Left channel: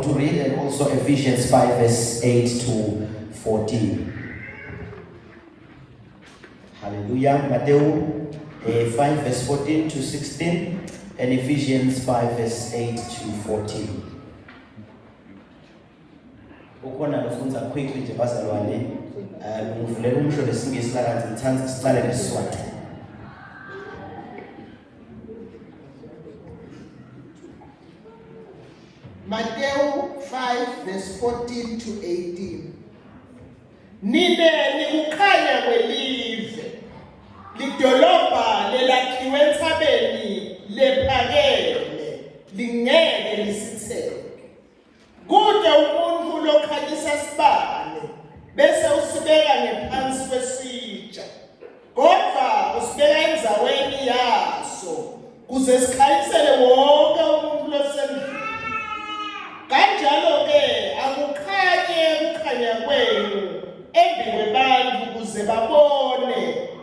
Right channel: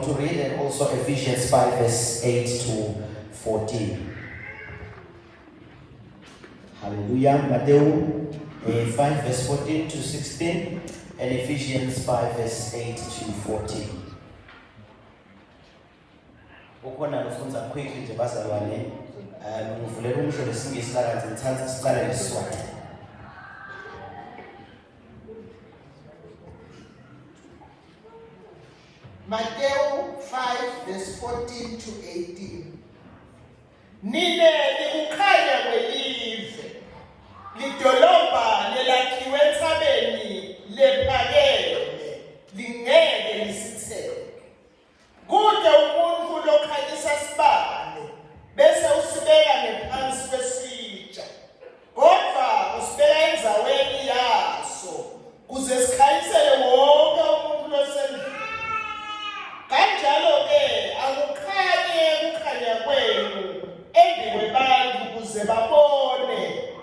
going to read, and also Ephesians 5 verse 8 to 14. Hallelujah. Matthew 5 verse 14 to 16, and Ephesians 5 verse 8 to 14. Ukona lofunza quickly nje bazalwane, ngivulela umsho lesingisi la kanti ngithanda sicale lesisonke. Matthew 5 verse 14 to 18. Nine likukhanya kwelive, lidolobha lelakhiwe entsabeni lephakeme, lingeke lisitheke. Kude umuntu lokhanyisa sibane, bese usibeka ngephansi kwesitsha, kodwa usibeka endzaweni yaso, kuze sikhanyisele wonke umuntu osendlini. Kanjalo-ke akukhanyi ukukhanya kwenu embi kwebantu kuze babone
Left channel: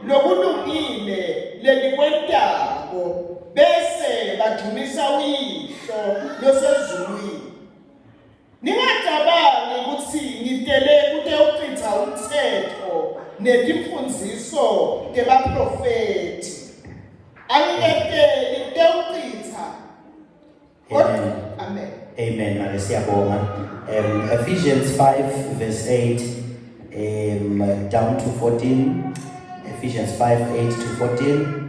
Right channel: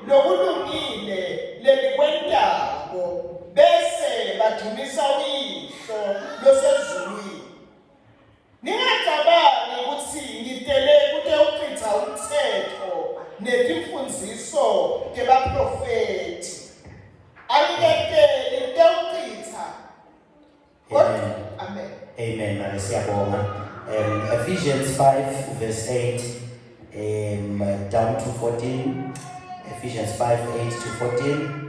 lokulungile lelikwentako, bese badumisa uyihlo losezulwini. Ningacabangi ukuthi ngidele ukuchitha umthetho netimfundiso tebaprofeti. Angiyekeli ukuchitha. Amen. Amen. Ephesians 5 verse 8 down to 14. Ephesians 5 8 to 14.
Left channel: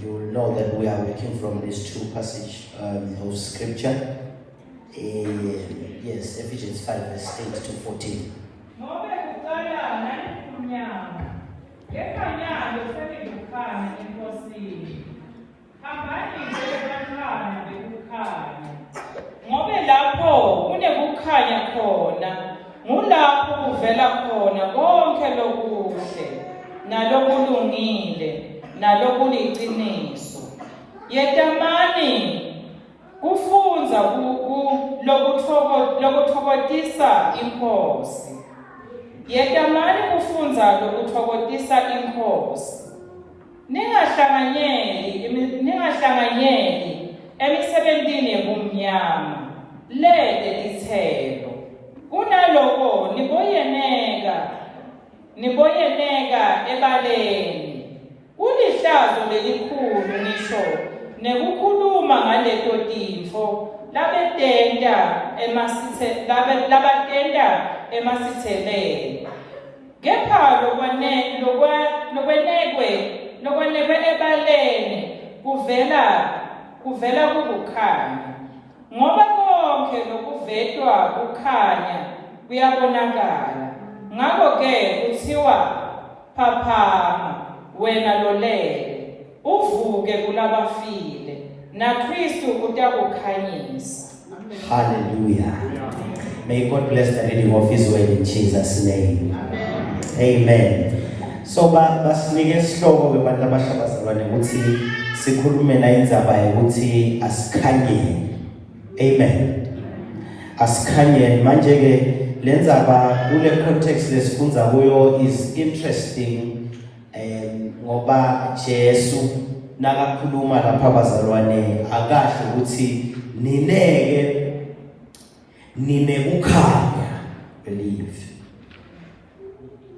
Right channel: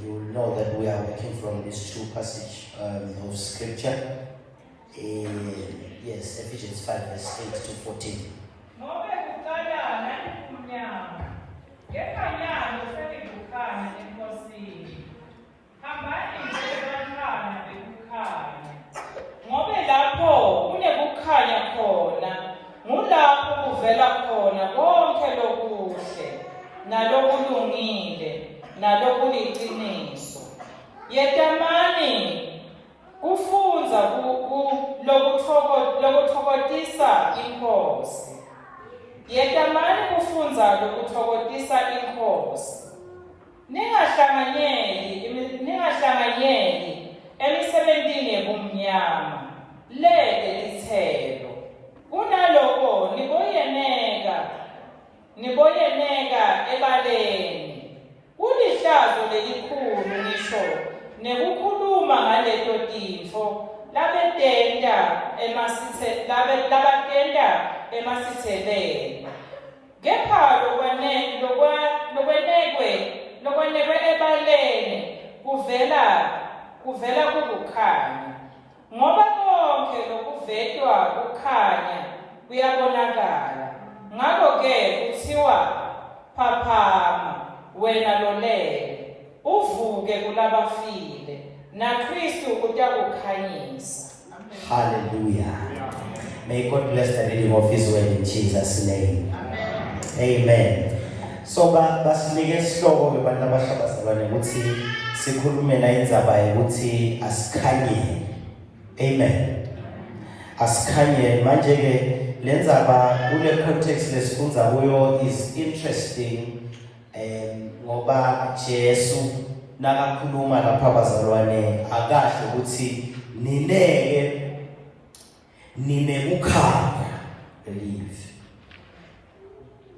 You will know that we are working from these two passages of scripture. Yes, Ephesians 5 verse 8 to 14. Ngobe lapho kunekukhanya khona, ngulapho kuvela khona konke lokuhle nalokulungile nalokuliqiniso. Yetamani kufunza lokuthokozisa inkosi. Yetamani kufunza lokuthokozisa inkosi. Ningahlanganyeli emisebentini yebumnyama, lete lithelo. Kunaloko niboyeneka ebaleni. Kulihlazo lelikhulu ngisho nekukhuluma ngaleto tifo labatenda emasitheleni. Kepha lokwenekwe ebaleni kuvela kukukhanya. Ngoba konke lokuvetwa kukhanya kuyabonakala. Ngakho-ke kuthiwa phaphama wena lolele, uvuke kulabafile, na Kristu utakukhanyisa. Hallelujah. May God bless the reading of His word in Jesus' name. Amen. Amen. So basinike isihloko kubantu abashakazalwane ukuthi sikhulume la indzaba yokuthi asikhanyeni. Amen. Asikhanyeni. Manje ke lendzaba kule context lesifunza kuyo is interesting ngoba Jesu nakakhuluma lapha bazalwane akasho ukuthi ninekukhanya, believe.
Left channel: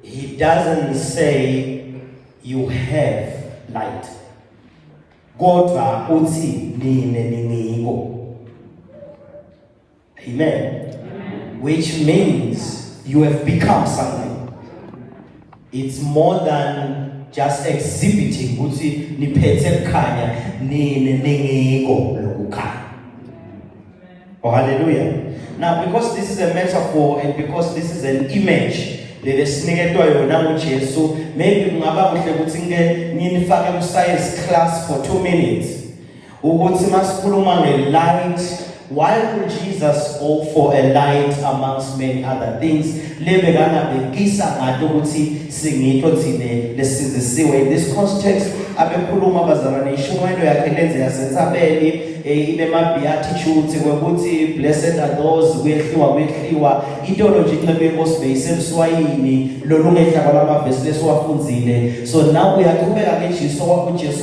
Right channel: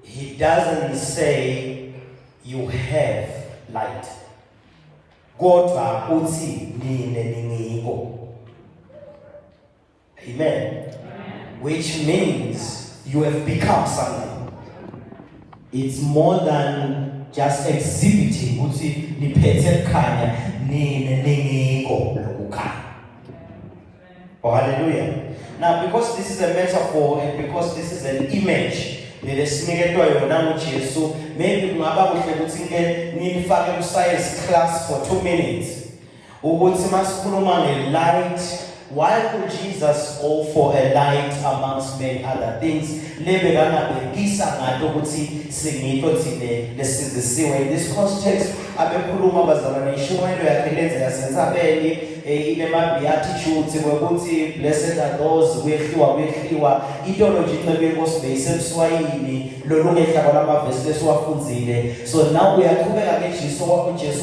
He doesn't say you have light. Kodwa uthi niniko. Amen. Which means you have become something. It's more than just exhibiting uthi niphethe khanya niniko lokukhanya. Oh, hallelujah. Now, because this is a metaphor and because this is an image, lesiniketwa yona nguJesu, maybe kungaba kuhle ukuthi nginifake ku-science class for 2 minutes. Ukuthi masikhuluma nge-light, why would Jesus go for a light amongst many other things? Lebekangabekisa ngato ukuthi singito thine lesizisiwe. In this context, abekhuluma bazalwane bazalwane ishumayelo yakhe lenzeka sentsabeni inema beatitudes ukuthi blessed are those kuyehliwa itolo nje incebe yenkosi beyisemswayini lolungehla kwamavesi lesiwafunzile. So now uyaqhubeka ngeJesu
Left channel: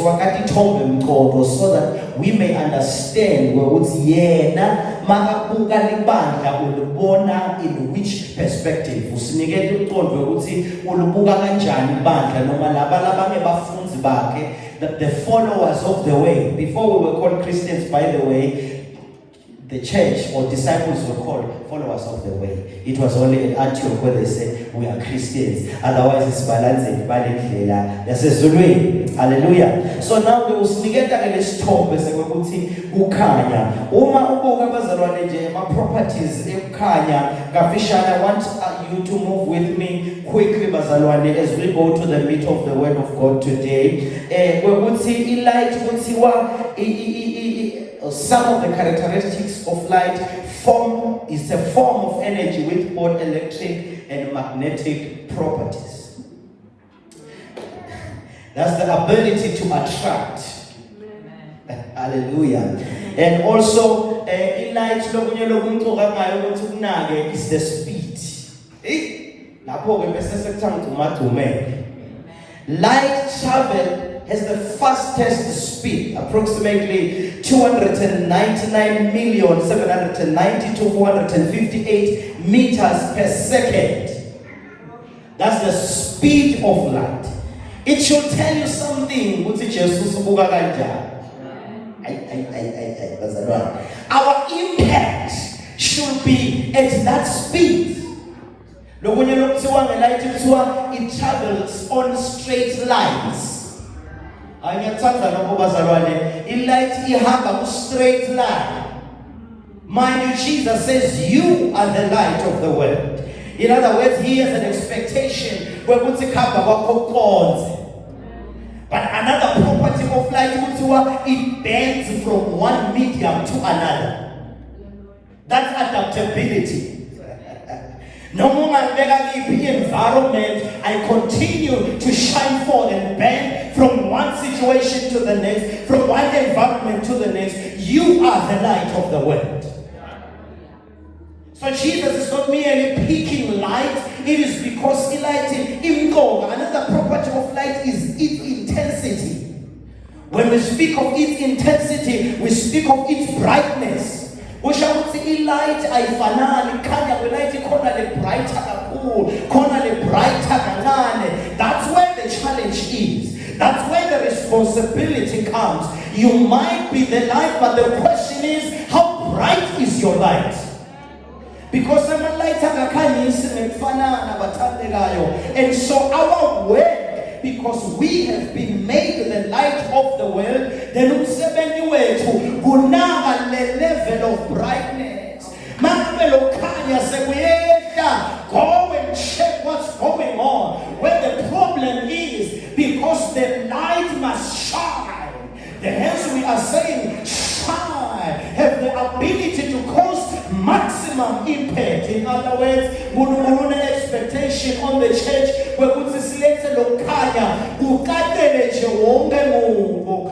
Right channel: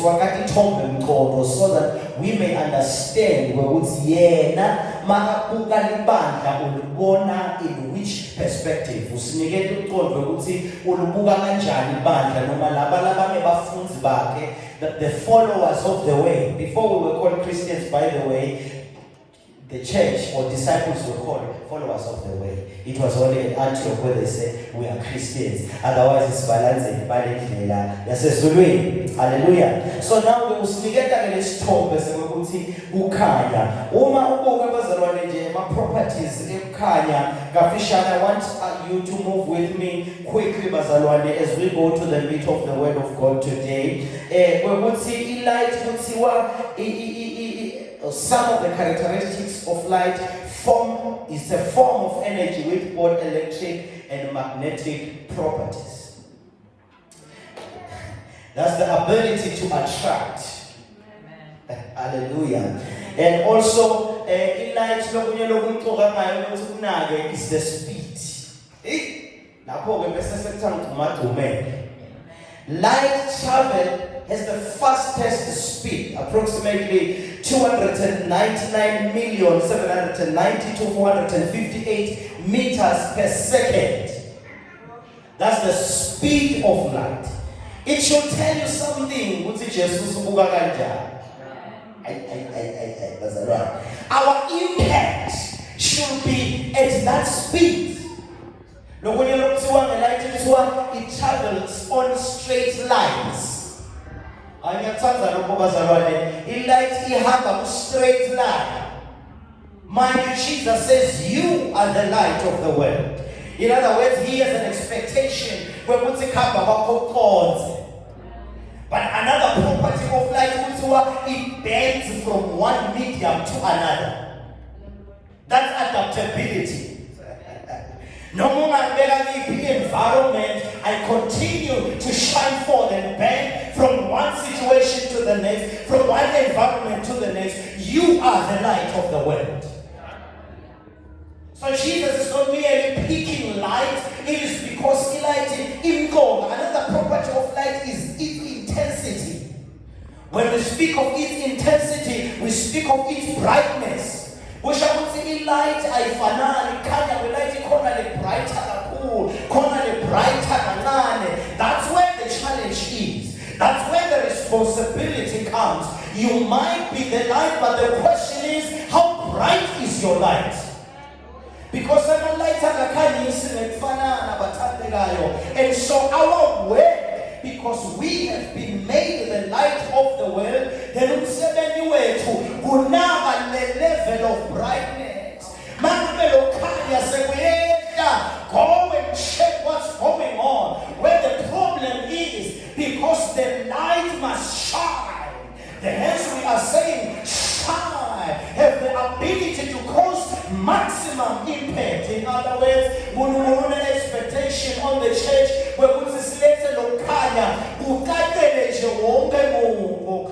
wakati thombe umchopho so that we may understand ukuthi yena makabuka libandla ulibona in which perspective, usinikele umqondo ukuthi ulibuka kanjani ibandla noma labalabanye bafunzi bakhe, that the followers of the way. Before we were called Christians, by the way, the church or disciples were called followers of the way. It was only at Antioch where they said we are Christians. Otherwise it's balancing by the clear. Hallelujah. So now we will get at this top as we could see Ukanya. Uma ubuka bazalwane nje ma properties ekhanya ngafishana. I want you to move with me quickly bazalwane as we go to the meat of the word of God today. We would see light, we would see some of the characteristics of light. Form is a form of energy with both electric and magnetic properties. That's the ability to attract. Hallelujah. And also, light is the speed. Light travel has the fastest speed, approximately 299,792,458 meters per second. That's the speed of light. It should tell you something. Our impact should be at that speed. It travels on straight lines. In light, you have a straight line. Mind you, Jesus says you are the light of the world. In other words, he has an expectation where we take up about cause. But another property of light, it bends from one medium to another. That's adaptability. No more environment, I continue to shine forth and bend from one situation to the next, from one environment to the next. You are the light of the world. So Jesus is not merely picking light, it is because he lighted in gold. Another property of light is its intensity. When we speak of its intensity, we speak of its brightness. We shall see light, I finally come the light, brighter, brighter. That's where the challenge is. That's where the responsibility comes. You might be the light, but the question is, how bright is your light? Because I'm a light, and so our work, because we have been made the light of the world, then we have a level of brightness. Go and check what's going on. Where the problem is, because the light must shine. Hence we are saying shine, have the ability to cause maximum impact. In other words, we don't have an expectation on the church where we select a locaya who got the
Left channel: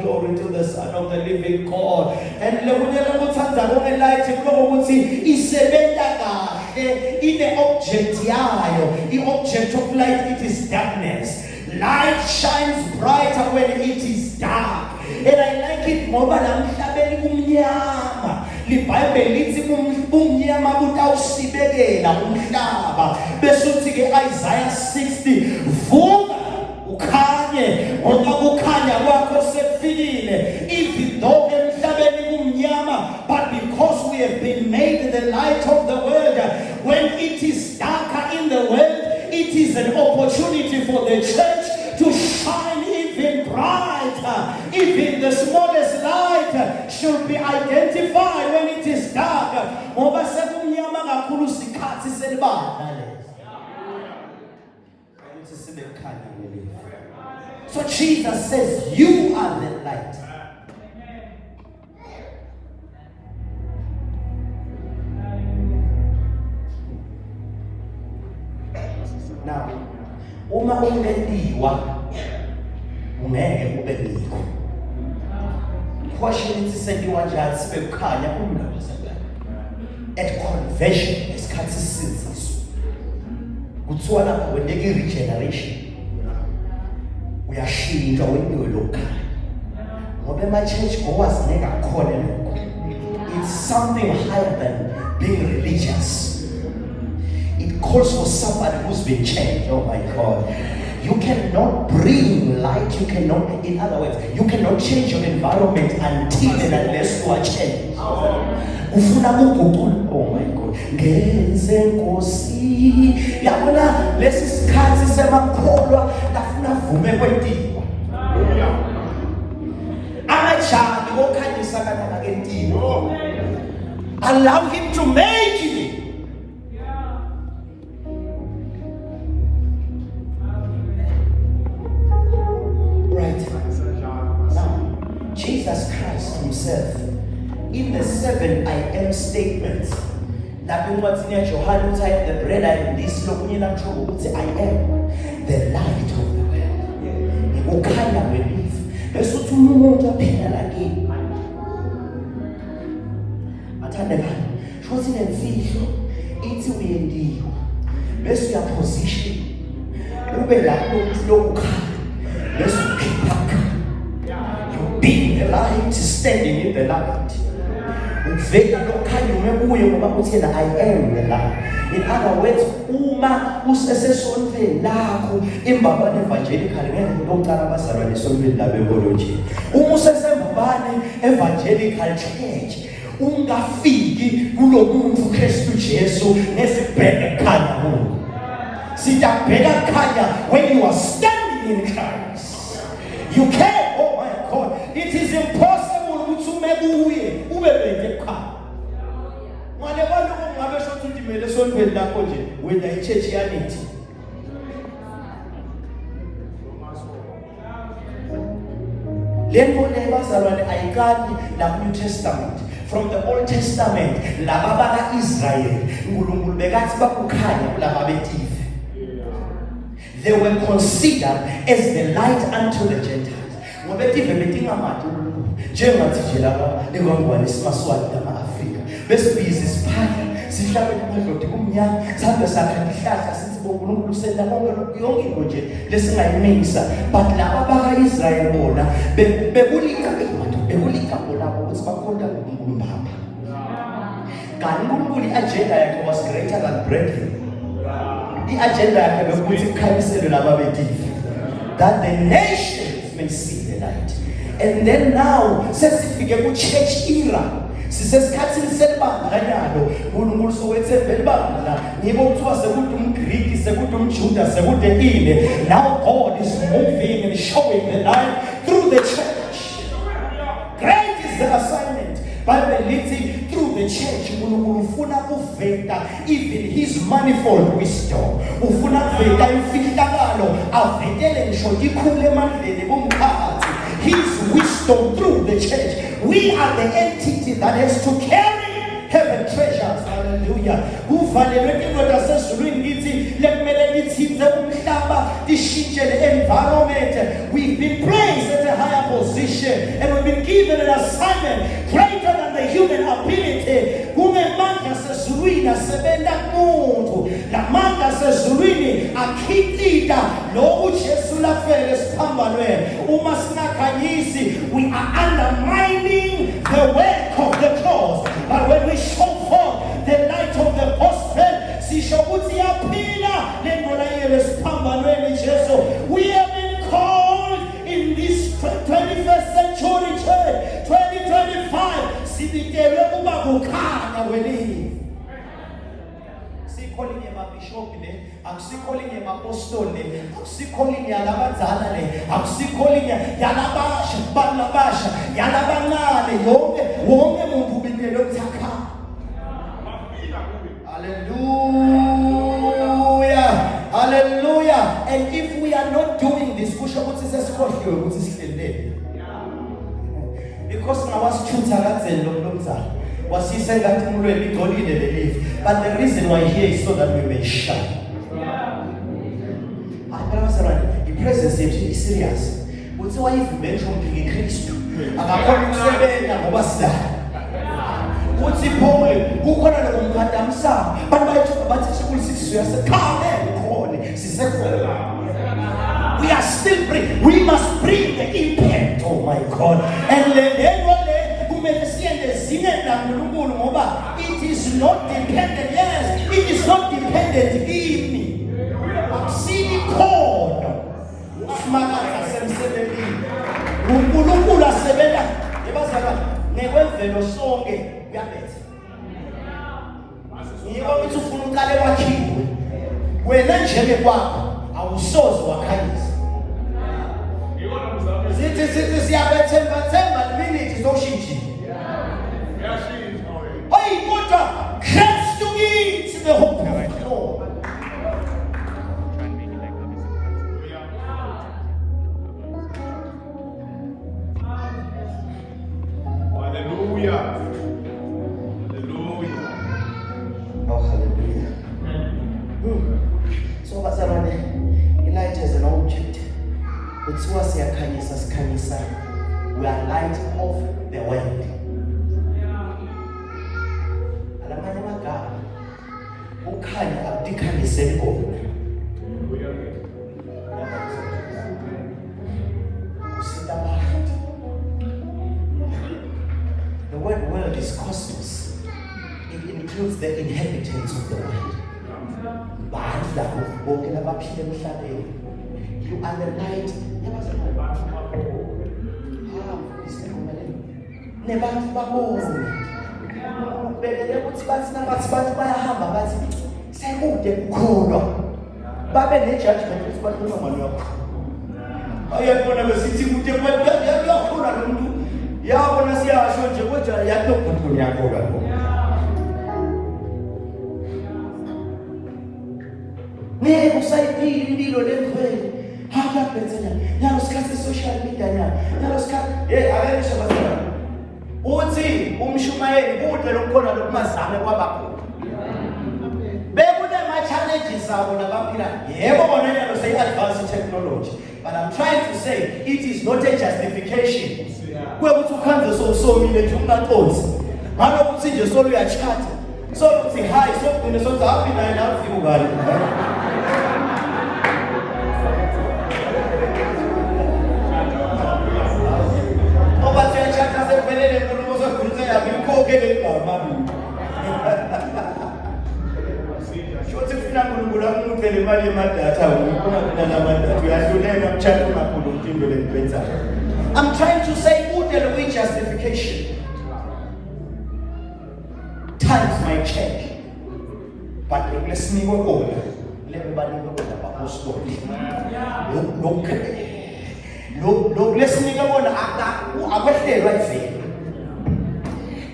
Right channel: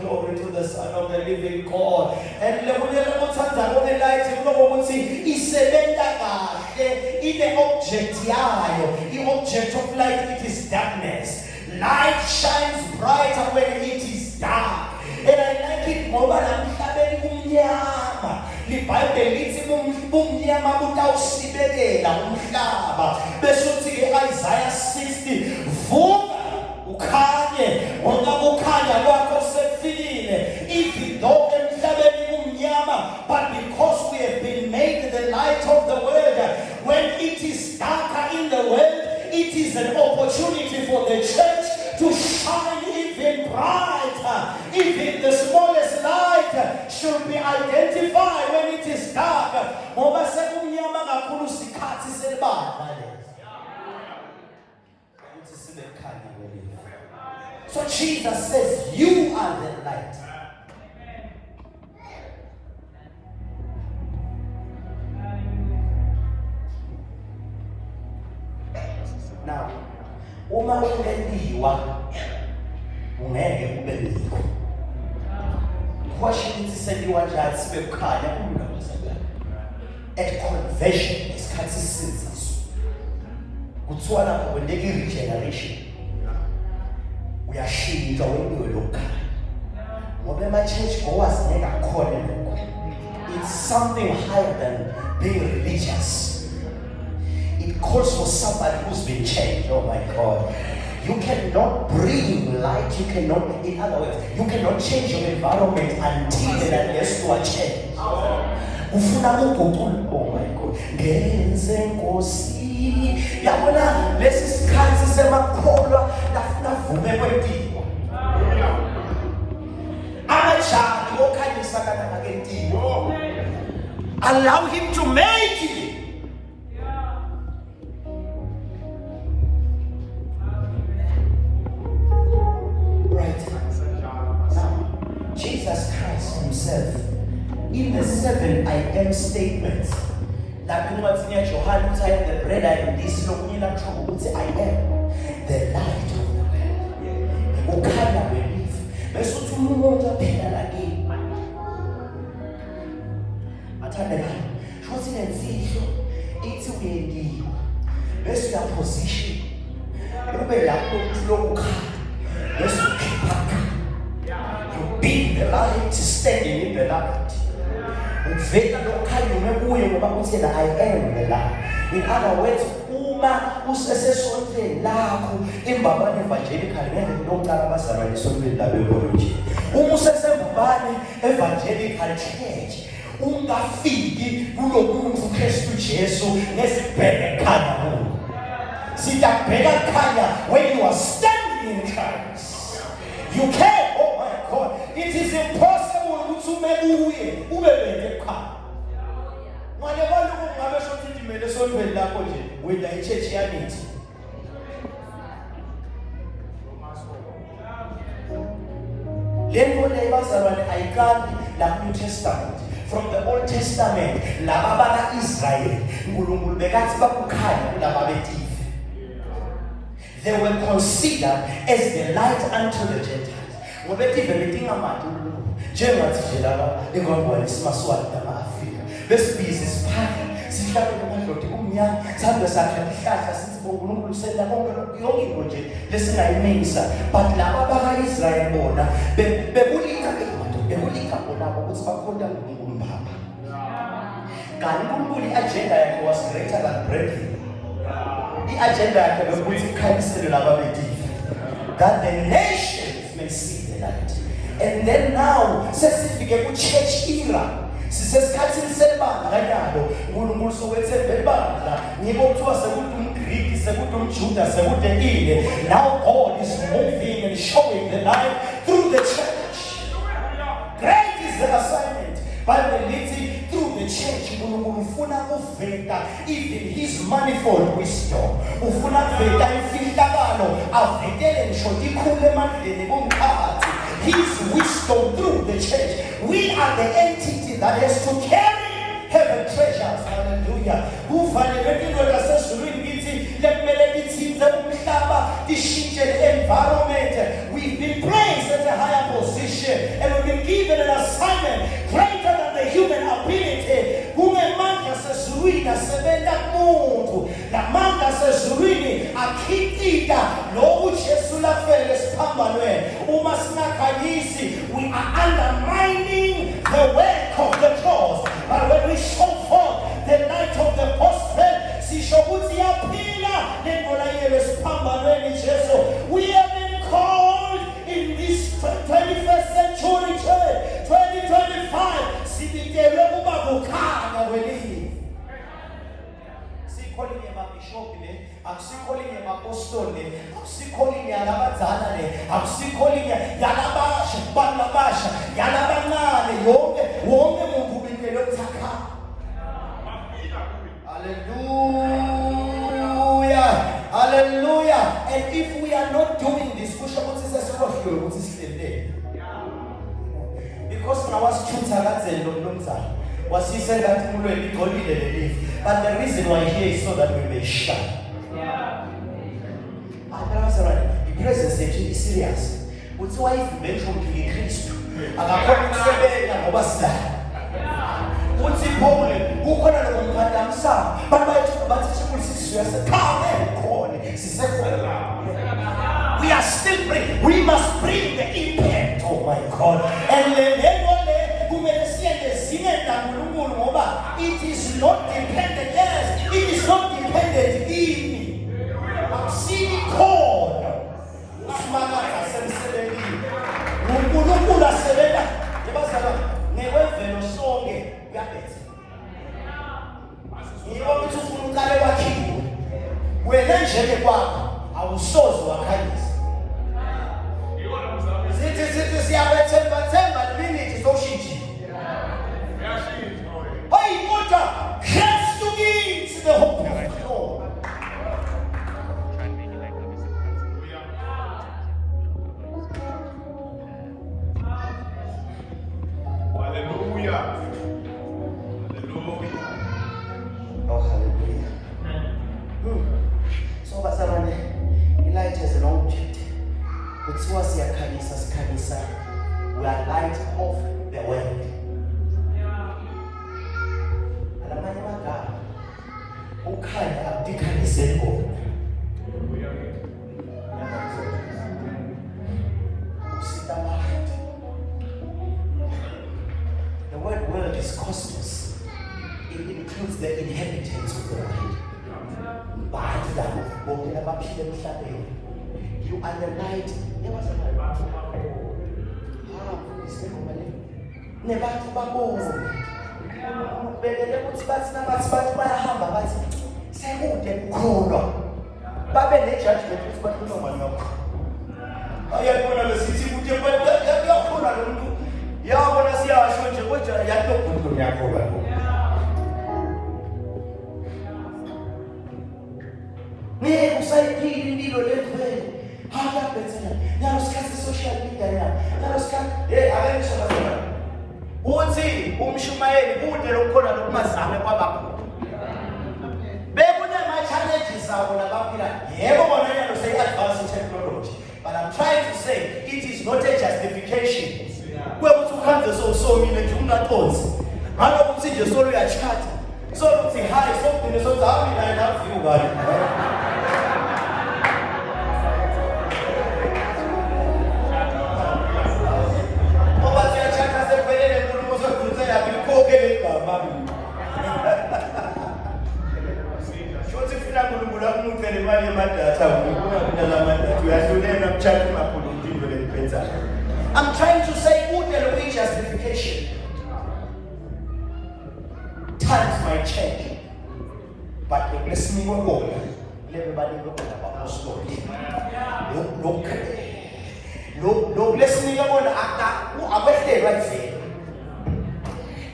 glory to the Son of the living God. And the light in the object, the object of light, it is darkness. Light shines brighter when it is dark. And I like it more than the Bible leads Isaiah 60. But because we have been made the light of the world, when it is darker in the world, it is an opportunity for the church to shine even brighter. Even the smallest light should be identified when it is dark. So Jesus says, you are the light. Now, uma ungendiwa ngeke ube ndiko. portion isisendiwa njani sibe kukhanya umndaba. At conversion isikhathi sisinziso. Kuthiwa lapha kwendeka regeneration. Uyashintsha wempilo lokukhanya. Ngoba ema-church ngowazineka khona lokho. It's something higher than being religious. It calls for somebody who's been changed. Oh my God. You cannot bring light. You cannot, in other words, you cannot change your environment until and unless you are changed. Ufuna ukuguqula. Oh my God. Ngenze Nkosi. Yabona lesi sikhathi semakholwa lafuna vume kwempilo. Amajali okhanyisa kana ngempilo. Allow him to make it. Jesus Christ himself, in the 7 I am statements, lapho encwadini yaJohane uthi I am the bread, I am this, lokuyena kusho ukuthi I am the light of the world. Ukhanya welifa. Bese uthi umuntu ophila nakini. Athandekayo, shothi nemfihlo ithi uyendiwe. Bese uyaposition. Ube lapho uthi lokukhanya. Bese ukhipha. Being the light, standing in the light. Uvela lokukhanya umekuye ngoba uthi I am the light. In other words, uma usesesontweni lakho imbabane evangelical ngeke ukuqala abazalwa lesontweni labo nje. Uma usesembabane evangelical church, ungafiki kulomuntu uKristu Jesu nesibheke khanya kulo. Siyabheka khanya when you are standing in Christ. You can't. It is impossible ukuthi umebuye ubebeke ekhaya. Manje bona ungabe shothi ndimele sonweni lakho nje wena ichurch yanithi. Lento le bazalwane ayikanti la New Testament. From the Old Testament laba baka Israel uNkulunkulu bekathi bakukhanya kulaba betife. They were considered as the light unto the Gentiles. Ngobetive betingamati njengathi nje lapha engongwane isimaswati nama-Afrika bese bize siphaka sihlale kumadoda kumnyama sihambe sakha ihlahla sithi uNkulunkulu senda yonke into nje lesingayimisa but laba baka-Israyeli bona bekulika bona ukuthi bafunda umbaba. Kanti uNkulunkulu i-agenda yakhe was greater than brethren. I-agenda yakhe bekuthi ukhanyiselwe nababetife that the nations may see the light. And then now sesifike ku church era sisesikhathini selibandlanyalo uNkulunkulu sowethe velibandla ngibo kuthiwa sekuthi umGriki sekuthi umJuda sekuthi ini. Now God is moving and showing the light through the church. Great is the assignment, but when it's through the church uNkulunkulu ufuna kuveta even his manifold wisdom. Ufuna kuveta imfihlakalo avetele ngisho ikhulu emandleni bomqhathi. His wisdom through the church. We are the entity that has to carry heaven treasures. Hallelujah. Ufanele indoda sesizulwini ngithi lekumele ngithinze umhlaba ishintshe the environment. We've been placed at a higher position and we've been given an assignment greater than the human ability. Kungemandla sesizulwini asebenza kumuntu. Lamandla sesizulwini akhipita lokhu Jesu lafele siphambanweni. Uma singakhanyisi, we are undermining the work of the cross. But when we show forth the light of the gospel, sisho ukuthi yaphila lento layele siphambanweni Jesu. We have been called in this 21st century church, 2025, sibitelwe kuba kukhanya welini. Sikholinye mabishop le, akusikholinye mapostoli, akusikholinye yalabadzala le, akusikholinye yalabasha, banabasha, yalabancane, wonke muntu ubingelwe kuthakha. Hallelujah. Hallelujah. And if we are not doing this, kusho ukuthi sesikhohliwe ukuthi sihlelele. Because now wasithutha kanzeni lo mnumzana. Wasise ngathi umlweni igcolile lelifa. But the reason why here is so that we may shine. The presence yethu is serious. Uthi wayivumela ukuthi ngikristu akakhona ukusebenza ngoba sidala. Uthi Paul kukhona lokumuntu amsaba abantu bathi school sisizwe yasekhaya ukhona sisekhona. We are still bring. We must bring the impact. Oh my God. And it is not dependent. Yes, it is not dependent in me. See the code. The hope of God. Hallelujah. Hallelujah. Oh, hallelujah. So, bazalwane, ilight is an object. Kuthiwa siyakhanyisa sikhanyisa. We are light of the world. Ukhanya akudikhanyise ngoma. The word world is cosmos. It includes the inhabitants of the world. You are the light. Nebantu babona. Bedele ukuthi bathi bayahamba bathi sekude kukhona. Babe ne-judgment ukuthi bathi nomani wakho. Ayabona besithi kude yakhona lo muntu. Yabona siyasho nje kodwa yakubhudlu yakho lapho. Ngeke usayiphi impilo lentweni. Hamba benzela. Yalo sikhathi social media yalo sikhathi akayisho bazana. Uthi umshumayeli bude lokukhona lokumazana kwabakho. Bekune ma-challenges abo nabaphila. Yebo bona yalo say-advanced technology. But I'm trying to say it is not a justification. Kwekuthi ukhanze sowusomile nje ungaconsi. Ngalokuthi nje solo uyachata. Solo uthi hi sokugcine sothi happy naye nawufika ubani. I'm trying to say good justification. Times might change, but let's me go over. Everybody go look, let's me go on. I'm right there.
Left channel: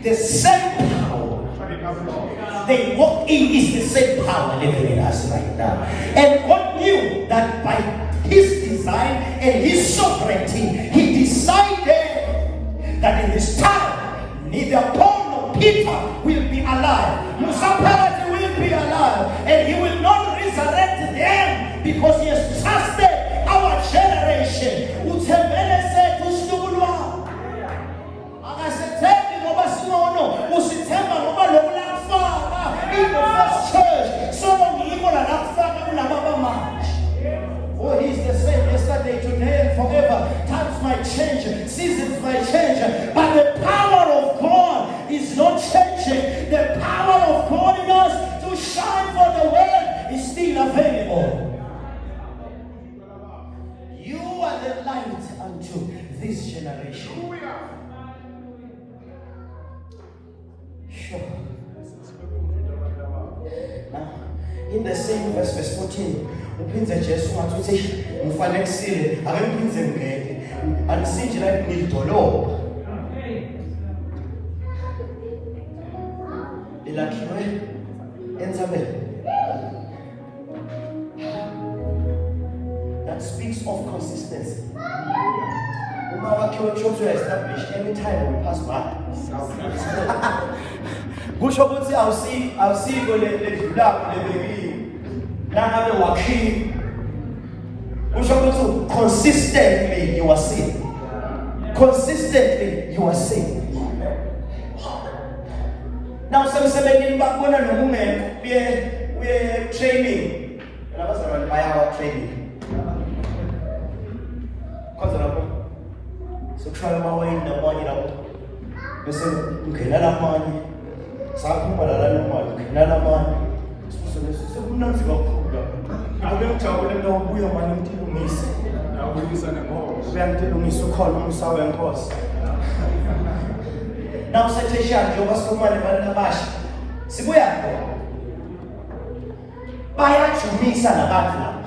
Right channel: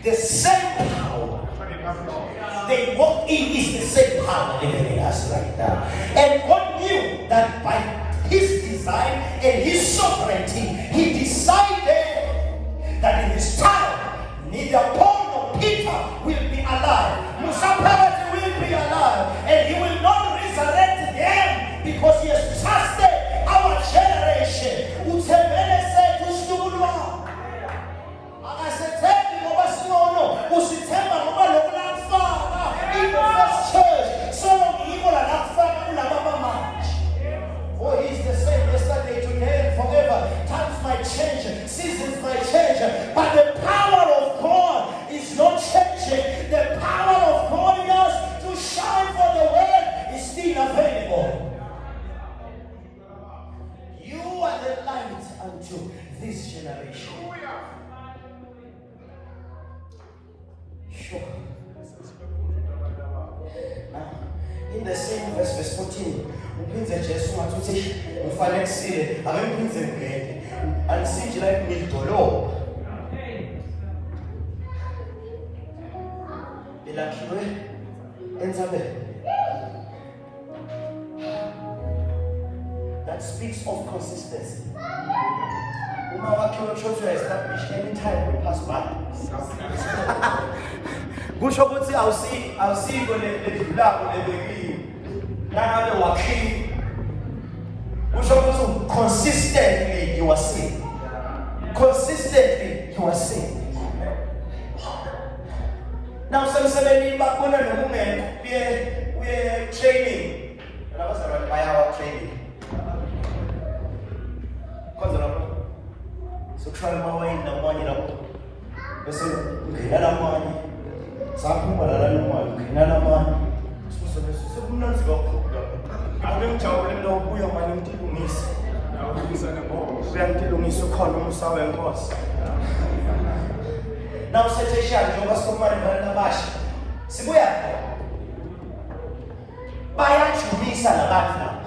The same power they walk in is the same power living in us right now. And God knew that by His design and His sovereignty, He decided that in His time, neither Paul nor Peter will be alive. Musaphat will be alive, and He will not resurrect them because He has trusted our generation. Oh, He's the same yesterday, today, and forever. Times might change, seasons might change, but the power of God is not changing. The power of God in us to shine for the world is still available. You are the light unto this generation. Sure. Now, in the same verse 14, uphinze Jesu wathi uthi ngifanekisile akemphinze ngeke alisinje la ngidolobha elakhiwe ensabeni. That speaks of consistency. Uma wakhiwe kusho establish anytime we pass by. Kusho ukuthi awusiko ledlulapho lebekile nangabe wakhiwe. Kusho ukuthi consistently you are seeing. consistently you are saved. Now some say bakubona nomungeke we training. Labazana baya training. Kwanza lapho. So try amawayini namanye lapho. Bese ungena lamanye. Saphuma la nomali, ungena lamanye. Sekunanzi kakhulu lapho. Ube ngijabule nokubuya manje umthilungisi. Nawubuyisa ngemhola. Uyangithilungisa ukhona umsawa wenkosi. Now setheshana njengoba sikhuluma nabantu abasha. Sibuya bayajulisa nabantu laba.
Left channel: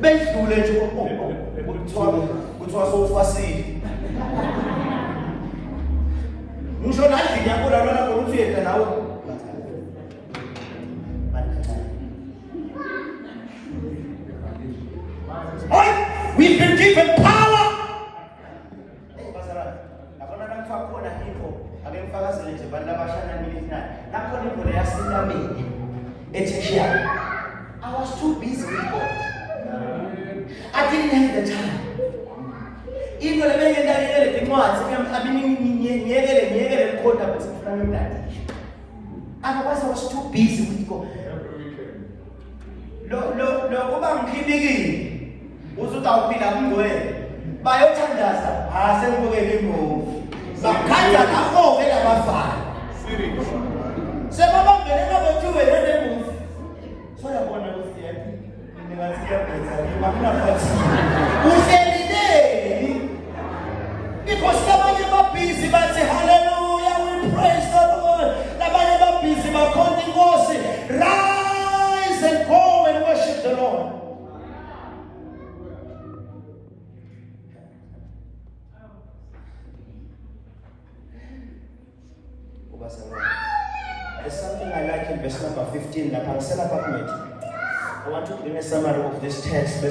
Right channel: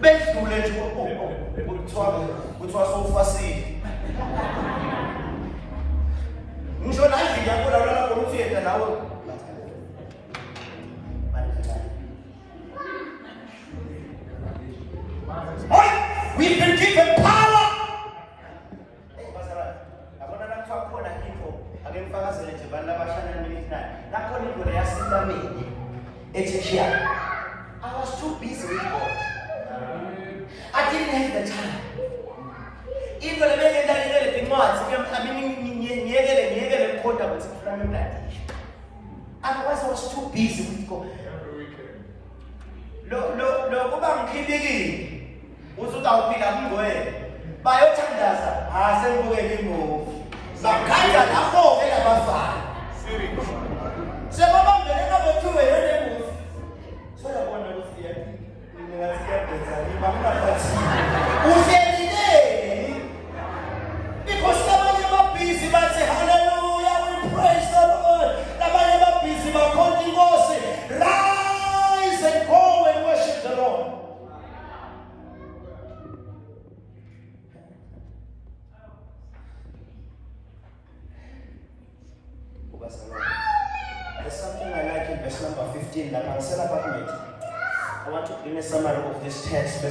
Bedlule nje kuthiwa sowufasile. Ngisho nandlini yakho lona ngokuthi yena nawe. We've been given power. I was too busy with God. I didn't have the time. Even otherwise I was too busy with God. Uzotawuphila kungwele bayothandaza asengibukele ngoku bakhatha kafoke labafana sebabambele babethiwe yena ngoku soyabona ukuthi yapi uhlelile because abanye babhizi bathi hallelujah we praise the Lord abanye babhizi bakhona inkosi rise and go and worship the Lord. There's something I like in verse number 15. I want to bring a summary of this text.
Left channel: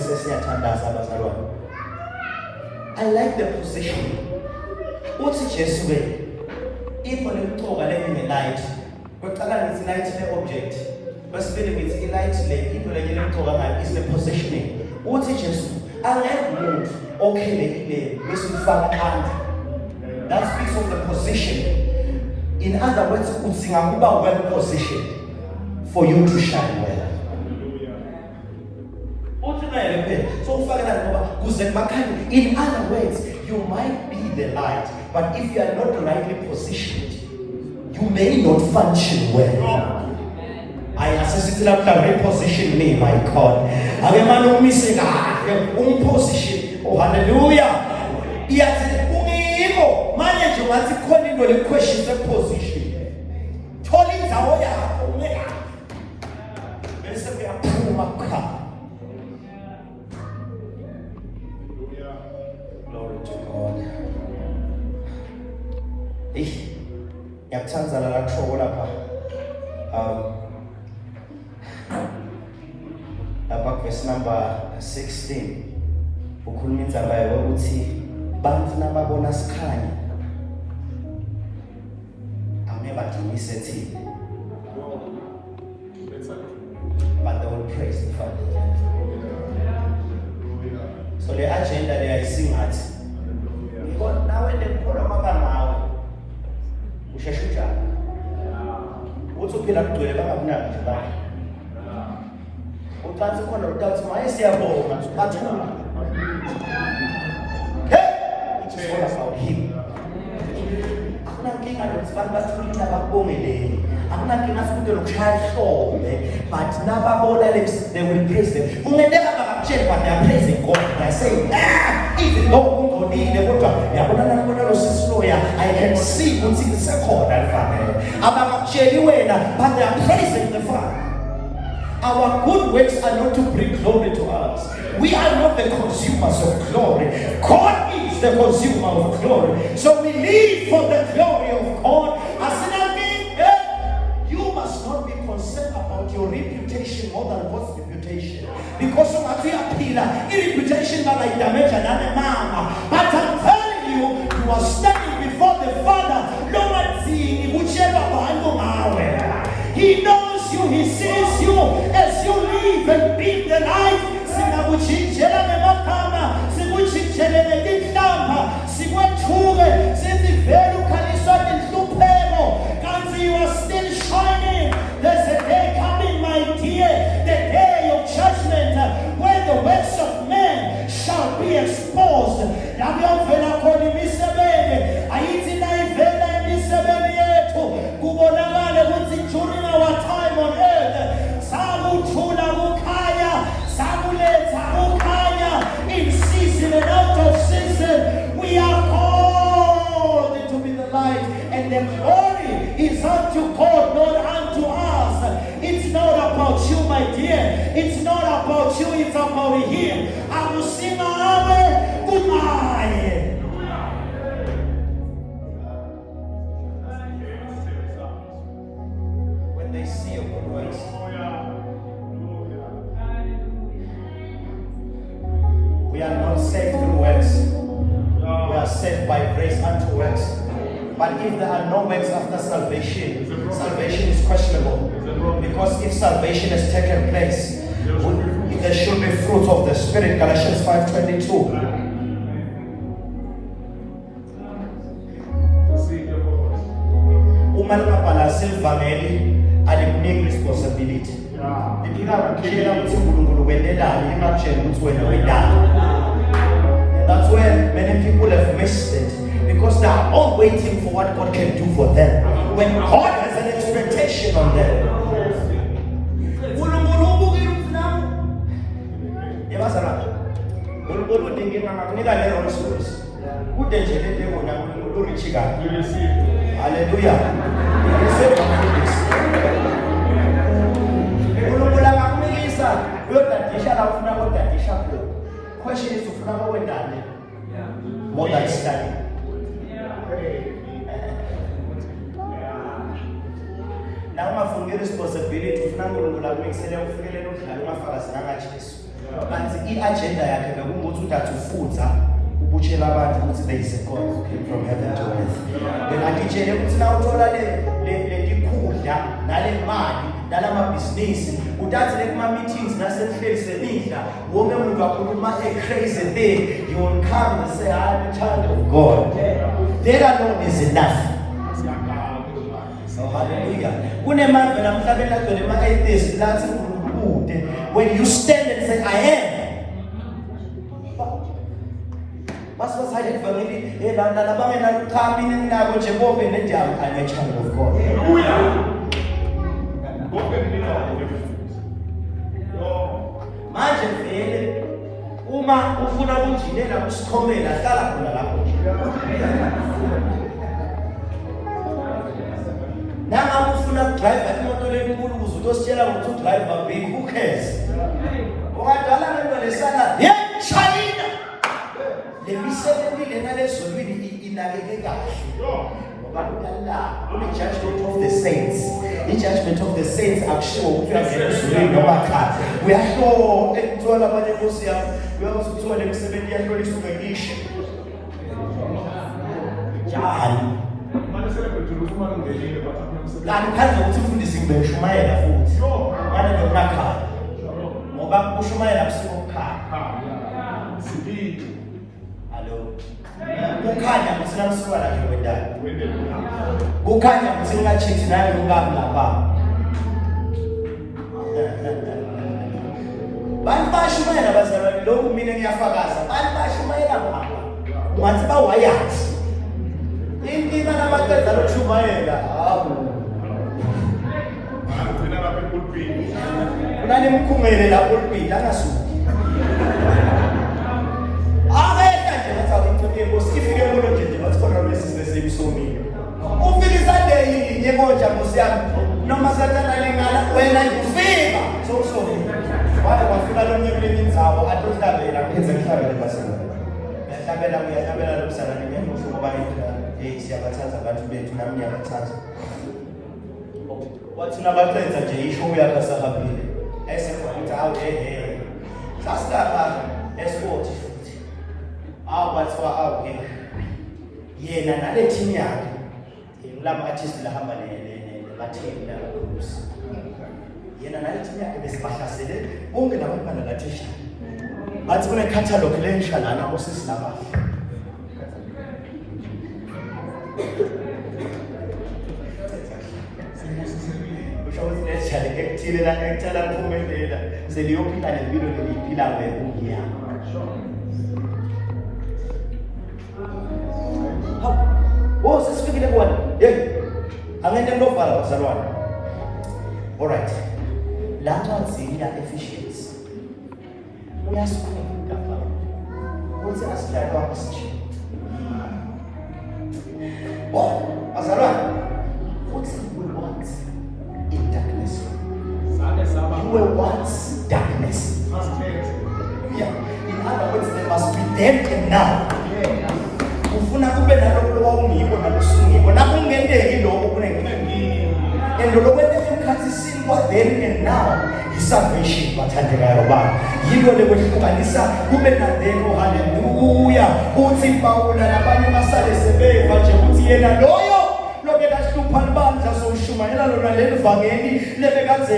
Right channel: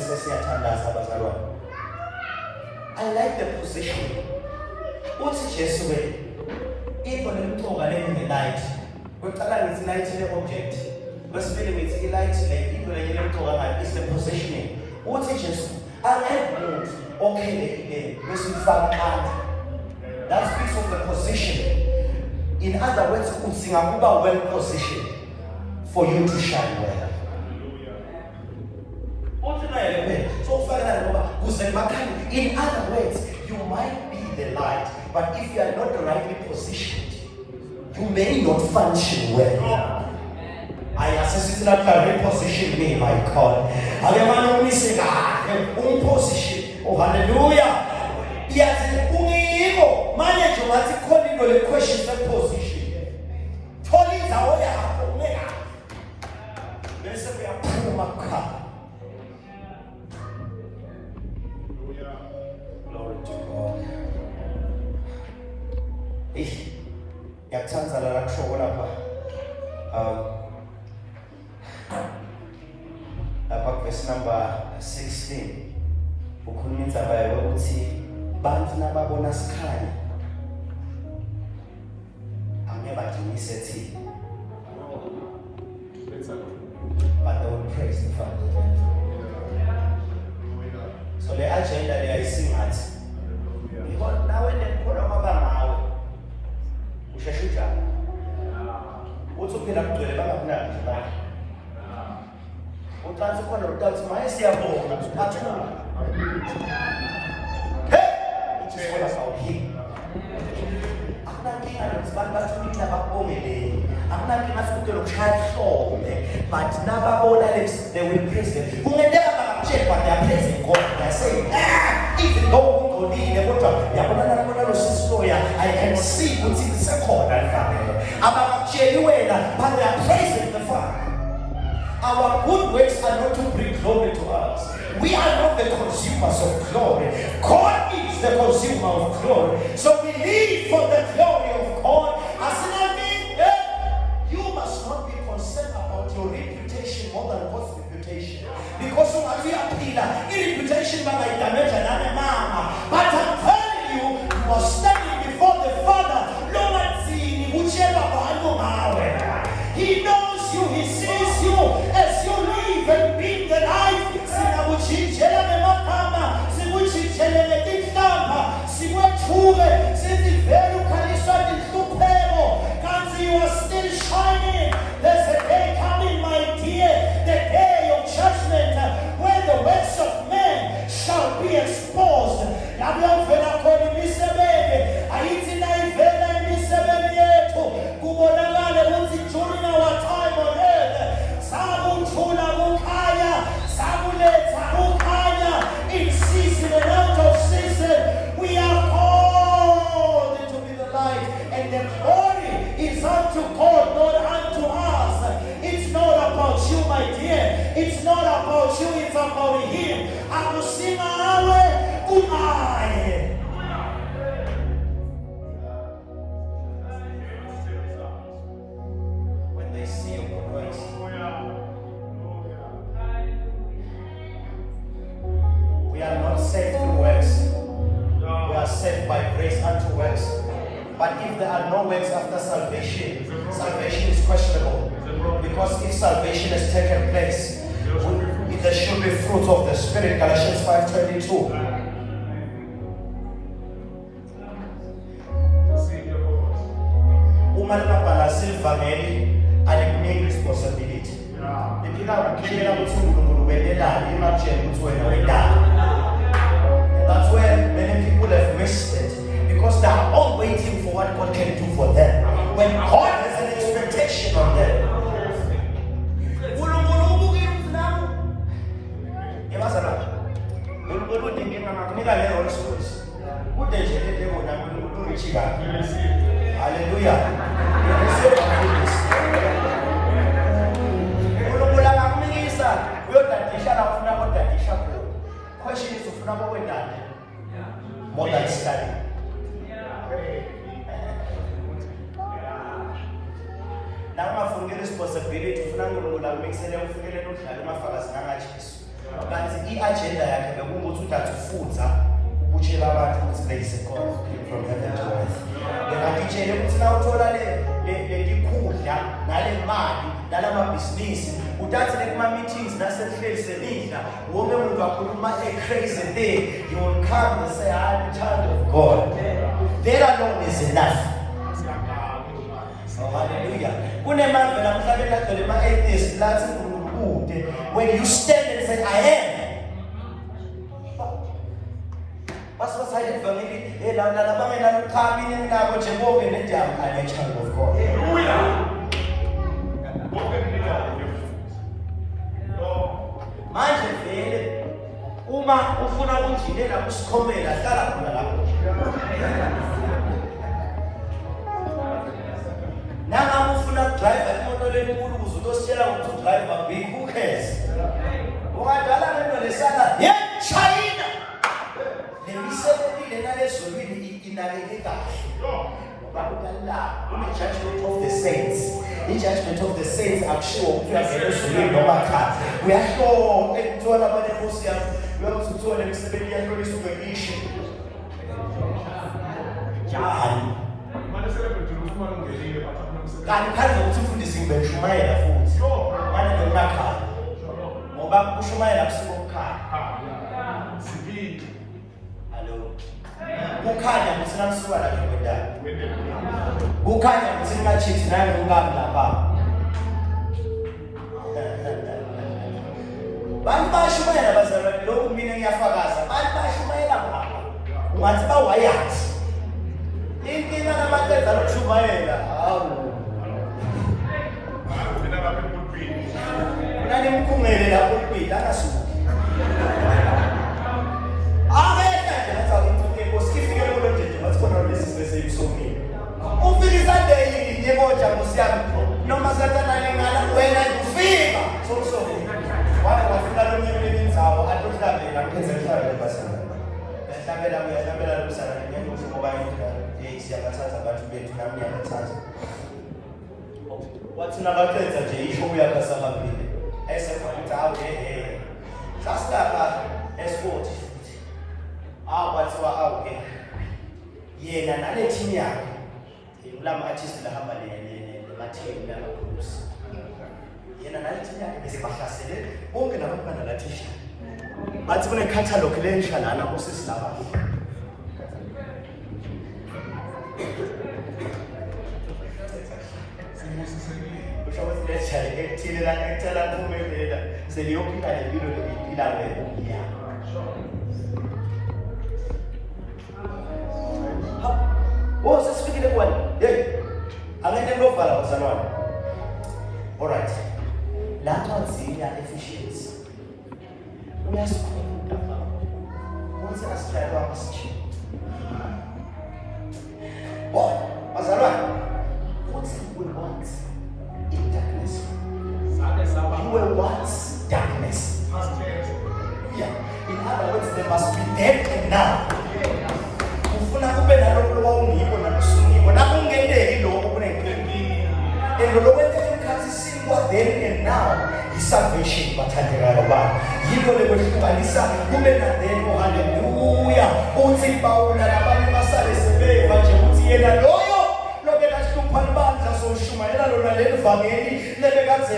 I like the position. What's Jesus way? Even if you are in the light, but it's light the object. But spirit is light, people are getting to a is the positioning. What's Jesus? I like move. Okay, that speaks of the position. In other words, well positioned for you to shine well. In other words, you might be the light, but if you are not rightly positioned, you may not function well. I assist reposition me, my God. I am missing position. Oh, hallelujah. Manage what you call the question the position. Tony Zawaya, Omega. There is a Puma. Glory to God. Ich yakuthanda la kusho lapha. Verse number 16. Ukhuluma indaba yokuthi bantu nababona sikhanya amebadumise thina. But they will praise the Father. So the agenda there is sing at God now when they put up nawe usheshuja uzophila kugcwele bangakunaki nje bakhe uqansi khona uqansi maye siyabonga bathula him. But they will praise them. Who may never check when they are praising God. They are saying, even though I can see what's in the second. But they are praising the Father. Our good works are not to bring glory to us. We are not the consumers of glory. God is the consumer of glory. So we live for the glory of God. As an mean, you must not be concerned about your reputation more than God's reputation. Because of what we appeal, reputation by like damage and mama. But I'm telling you, you are standing before the Father. No one seeing whichever one you are. He knows you, he sees you as you live and be the light. unto God, not unto us. It's not about you, my dear. It's not about you, it's about Him. I will sing Amen. Goodbye. When they see a good works, we are not saved with works. We are saved by grace unto works. But if there are no works after salvation, salvation is questionable. Because if salvation has taken place, there should be fruit of the Spirit. Galatians 5:22. Uma ngabhala selivangeli alikuniki responsibility. Iphika ukuthi uNkulunkulu wenelani ematsheni ukuthi wena wenani. That's where many people have missed it, because they are all waiting for what God can do for them, when God has an expectation on them. Hallelujah. Question is more than study. Now my full responsibility of not make sense of feeling but the agenda yakhe bekungukuthi udathufuza ubutshela abantu ukuthi there is a God who came from heaven to earth. Ngakutshela ukuthi na uthola le khudla nale mali nalamabhizinisi udathi lekuma meetings nasemhleli semidla wonke umuntu akhuluma a crazy thing, you will come and say I am a child of God. There alone is enough. Hallelujah. Kunemandla namhlanje agcwele ama-atheist nathi ukude. When you stand and say I am, basibasayile evangeli lana bangenalo ukhamini nabo nje bonke nendawo I'm a child of God. Manje vele uma ufuna ukunjilela usikhomela hlala khona lapho. Now ufuna drive imoto lenkulu uzotositshela ukuthi udriver big, who cares? Ngoba lento lesala China lemisebenzi lena lezolweni inakeke kahle. The judgment of the saints. The judgment of the saints are sure we are sure we are sure and told about the Muslim. We are also told them 7 years ago to the nation. John. And can't go to the single Shumaya foods. One of the Maka. Moba Shumaya so car. Hello. Ukanya musina swala kwenda. Ukanya musina chithi nayo ngaba. Bantu bashumela bazalwane lokhu mina ngiyafakaza. Bantu bashumela ngaba. Ungathi bawayathi. Inkinga nabaqeda ukushumayela. Hawu. Nani mkhumele lapho kuphila akasuki. Noma satana lengana wena ngifika so wathi bafika lo nyembe indzawo atohlabela phenze mhlawumbe ngiyahlabela losana ngemuso ngoba siyakathatha abantu bethu nami ngiyakathatha wathi nabaqedza nje ishow yakhe sabaphile esefakuthi awu sasala esport futhi bathiwa awu yena nale team yakhe kulama artist lahamba Latina Cruz. Yena nalithi yakhe besibahlasele bonke labantwana laThisha. Bathi kune catalog lensha lana osisi lapha. Usho ukuthi ejale ekuthile la ngicela ngiphumelela seliyophinda lempilo leyiphila wena ngiya. Oh sesifikile kwani? Hey. Angeke ndovala bazalwane. Alright. Lapha nzima efficiency. Uyasifunda lapha. Uthi asidala kwamasichi. Bazalwane. Uthi then and now salvation bathandekayo baba yilo lekwehlukanisa kube na then haleluya uthi Pawula nabanye basale sebeva nje ukuthi yena loyo lokela hlupha libandla soshumayela lona lelivangeli lebekade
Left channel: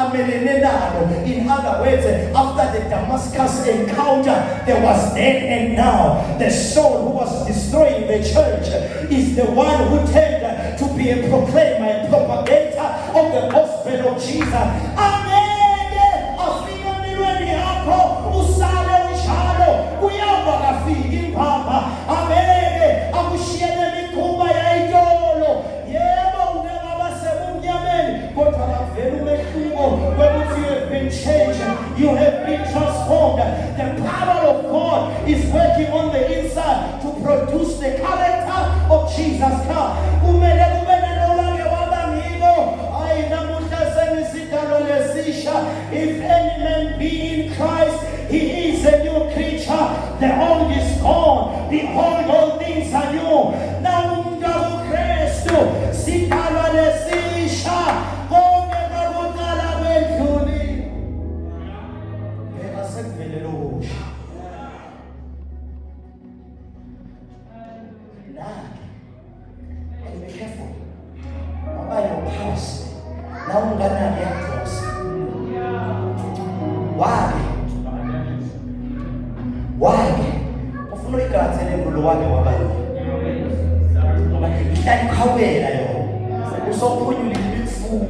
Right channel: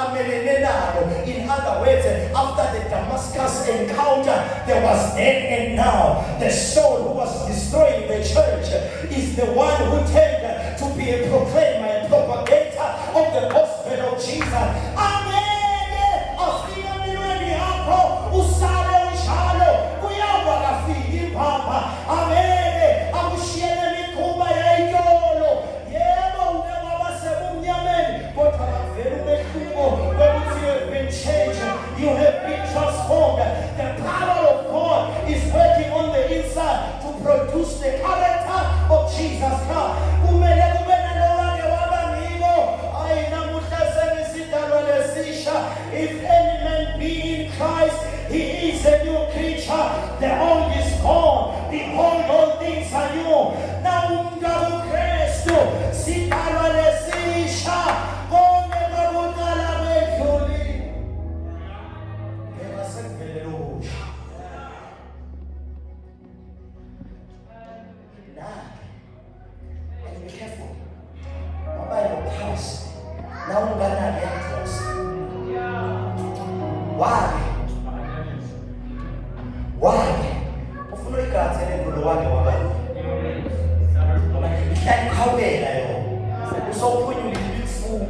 amelene nalo. In other words, after the Damascus encounter there was then and now. The Saul who was destroying the church is the one who turned to be a proclaimer and propagator of the gospel of Jesus. Usale ushalo uyaba kafiki papa ameke akushiye mikhuba yayitolo yebo unaba basemnyameni kodwa bavela umehluko ukuthi you have been changed, you have been transformed. The power of God is working on the inside to produce the character of Jesus Christ. Kumele nolake wabangilo ayinamuhla sengisidalo lesisha. If any man be in Christ, he is a new creature. The old is gone. Behold, all things are new. Now ungaku Kristu sidalwa lesisha. Konke kwakudala kwedlule. Ngeke sekuvele lokho. And be careful. Why your peace? Now ungana necklace. Why? Ufuna ikathele ngolo wake wabayo. Ikhawela yo. Usophunyula ifuku.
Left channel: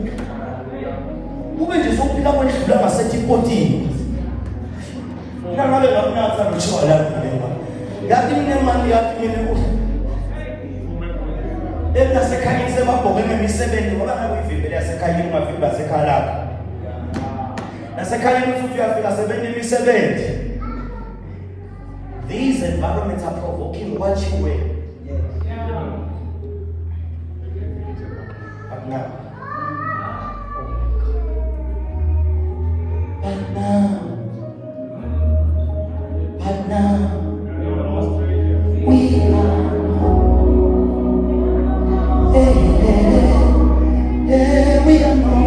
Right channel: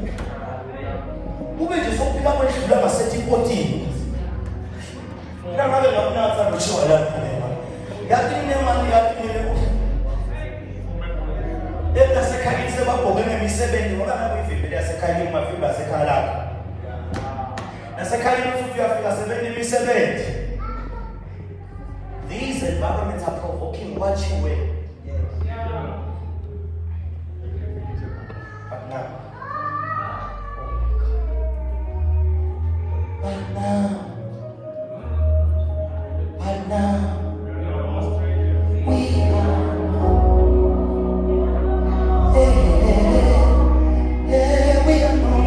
Ube nje sophika bona idlula basethi potini. Namabe ngafunatha ukushola lapha. Yathi nemali yakho nekuhle. Etasekhaya sebabhoke ngemisebenzi ngoba kuyivimbele yasekhaya imafika basekhaya lakho. Nasekhaya futhi uyafika sebenza imisebenzi. These environments are provoking what you wear. But now, we are no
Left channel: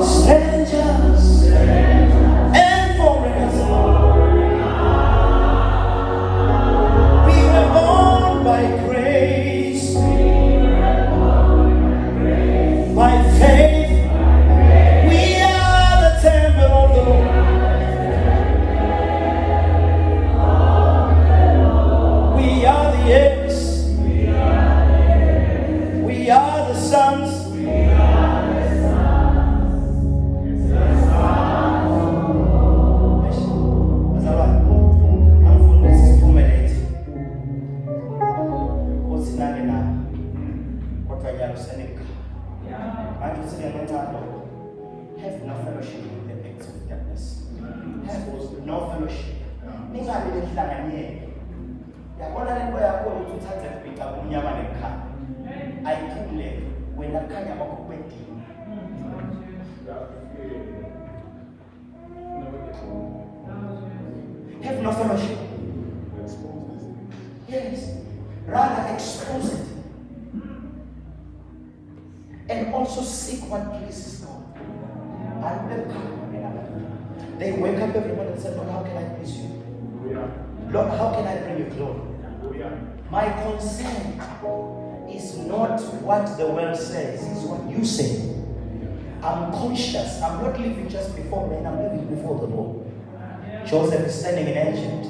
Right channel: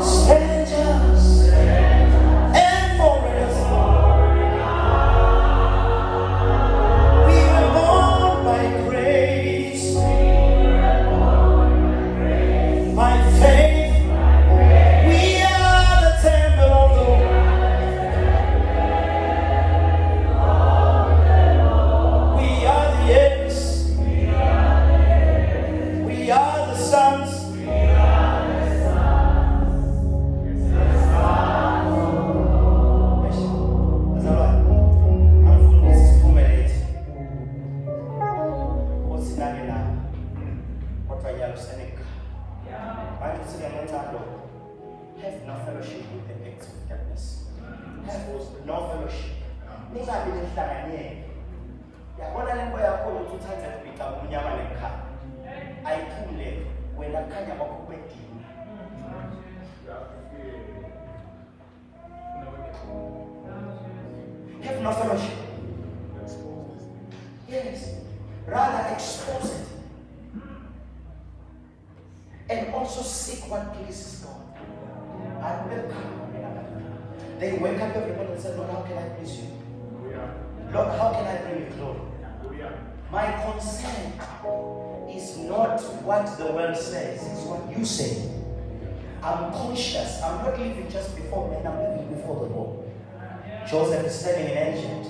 strangers and foreigners. We were born by grace, by faith. We are the temple of the Lord. We are the heirs. We are the sons. Have no fellowship with the things of darkness. Have no fellowship. Ningabe lihlanganyele. Yabona lento yakho ukuthi uthathe kupita kumnyama nekhaya. Ayiphumule wena khanya ngokwedini. Have no fellowship. Yes. Rather expose it. And also seek what pleases God. I remember they wake up every morning and say, Lord, how can I please you? Lord, how can I bring you glory? My concern is not what the world says, it's what you say. I'm conscious. I'm not living just before men, I'm living before the Lord. Joseph is standing in Egypt.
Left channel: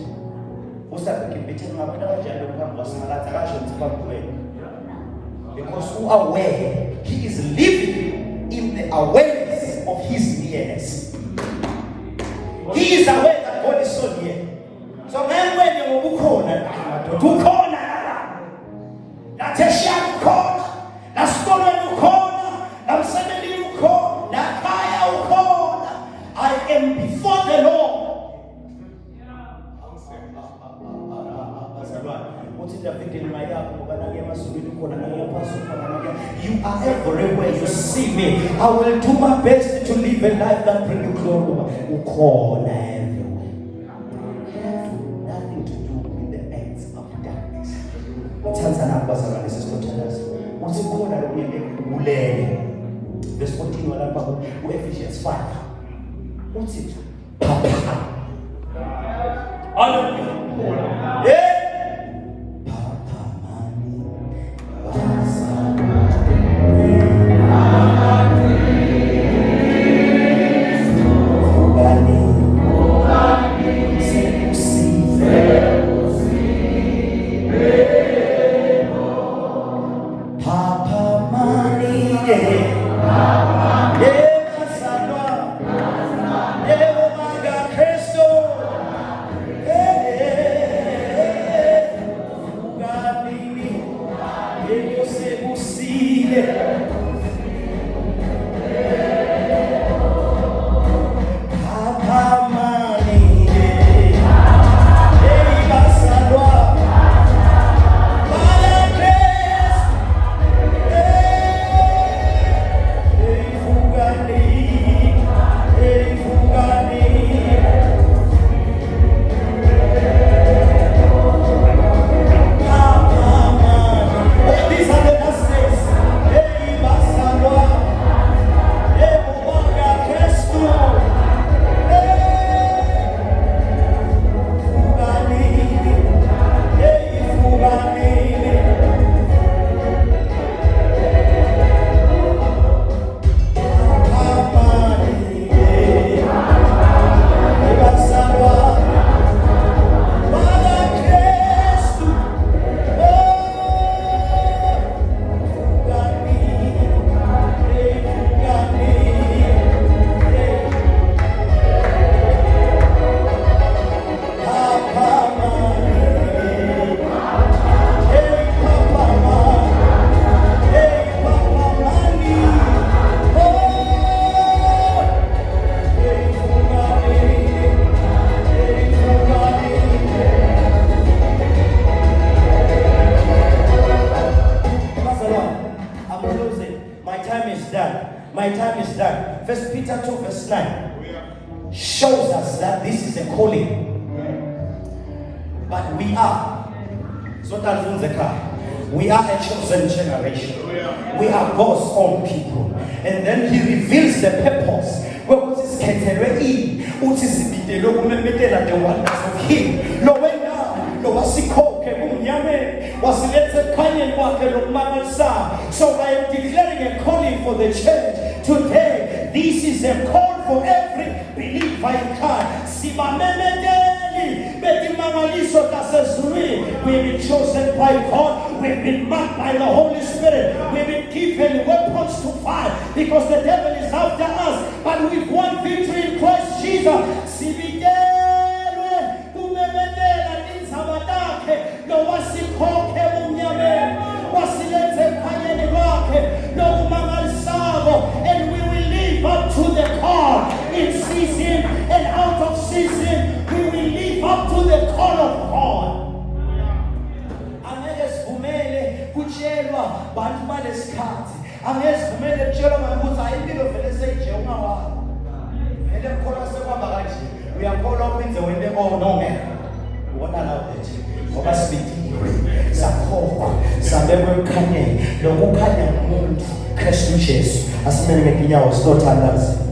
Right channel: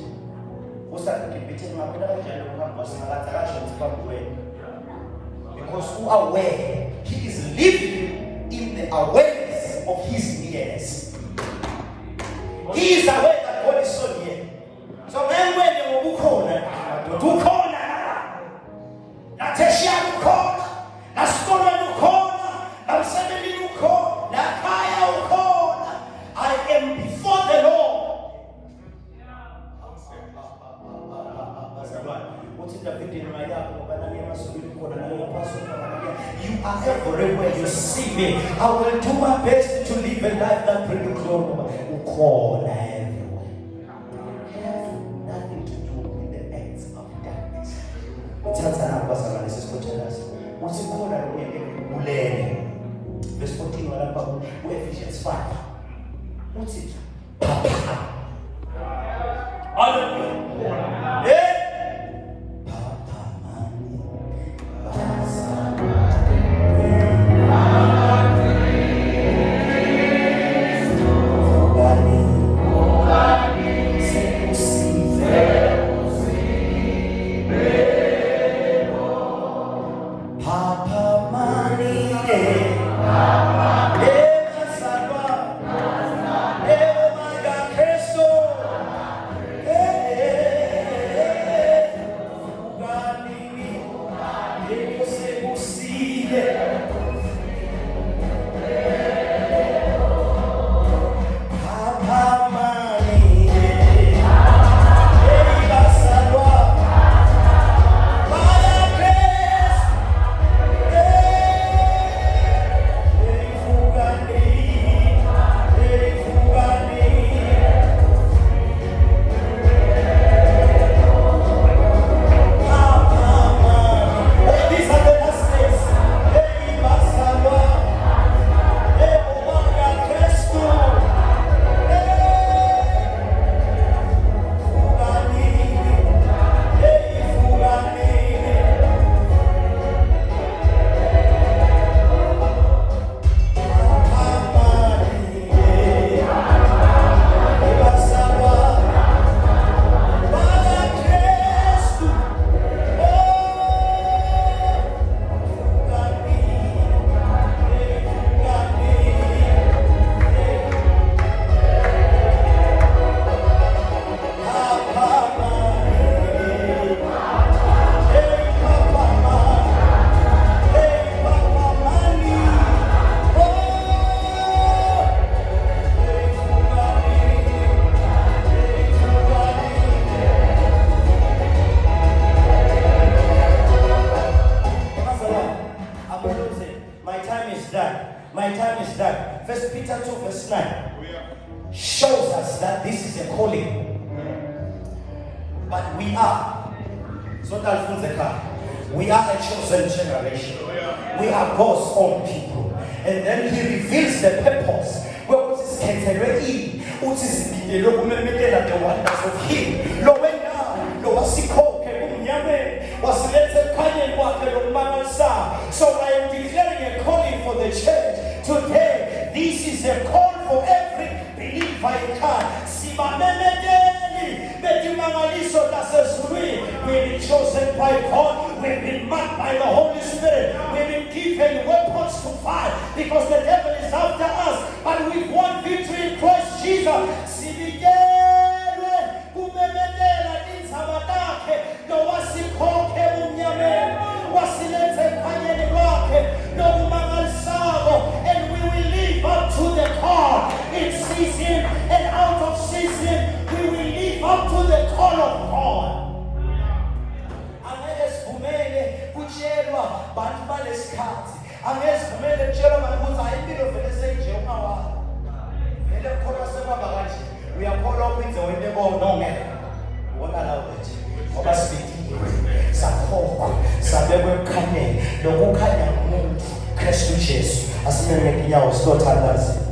Because who are aware, he is living in the awareness of his nearness. He is aware that God is so near. So when you ukona, nateshia ukona, naskona ukona, namsemeli ukona, nakaya ukona. I am before the Lord. You are everywhere you see me. I will do my best to live a life that brings glory. Ukona everywhere. Have nothing to do with the acts of darkness. Tanzania was analysis continuous. What's ukona ulele. verse 14 walapha ku-Ephesians 5 uthi phaphama. Hallelujah. Yeah. First Peter 2 verse 9 shows us that this is a calling. But we are a chosen generation. We are God's own people. And then he reveals the purpose. What is so I am declaring a calling for the church today. This is a call for every believer in Christ. We've been chosen by God. We've been marked by the Holy Spirit. We've been given weapons to fight because the devil is after us. But we've won victory in Christ Jesus. And we will live up to the call in season and out of season. We will live up to the call of God. We are called up in the way they all know me. What are the Kristu Jesu asimele kinyawo sitothandaza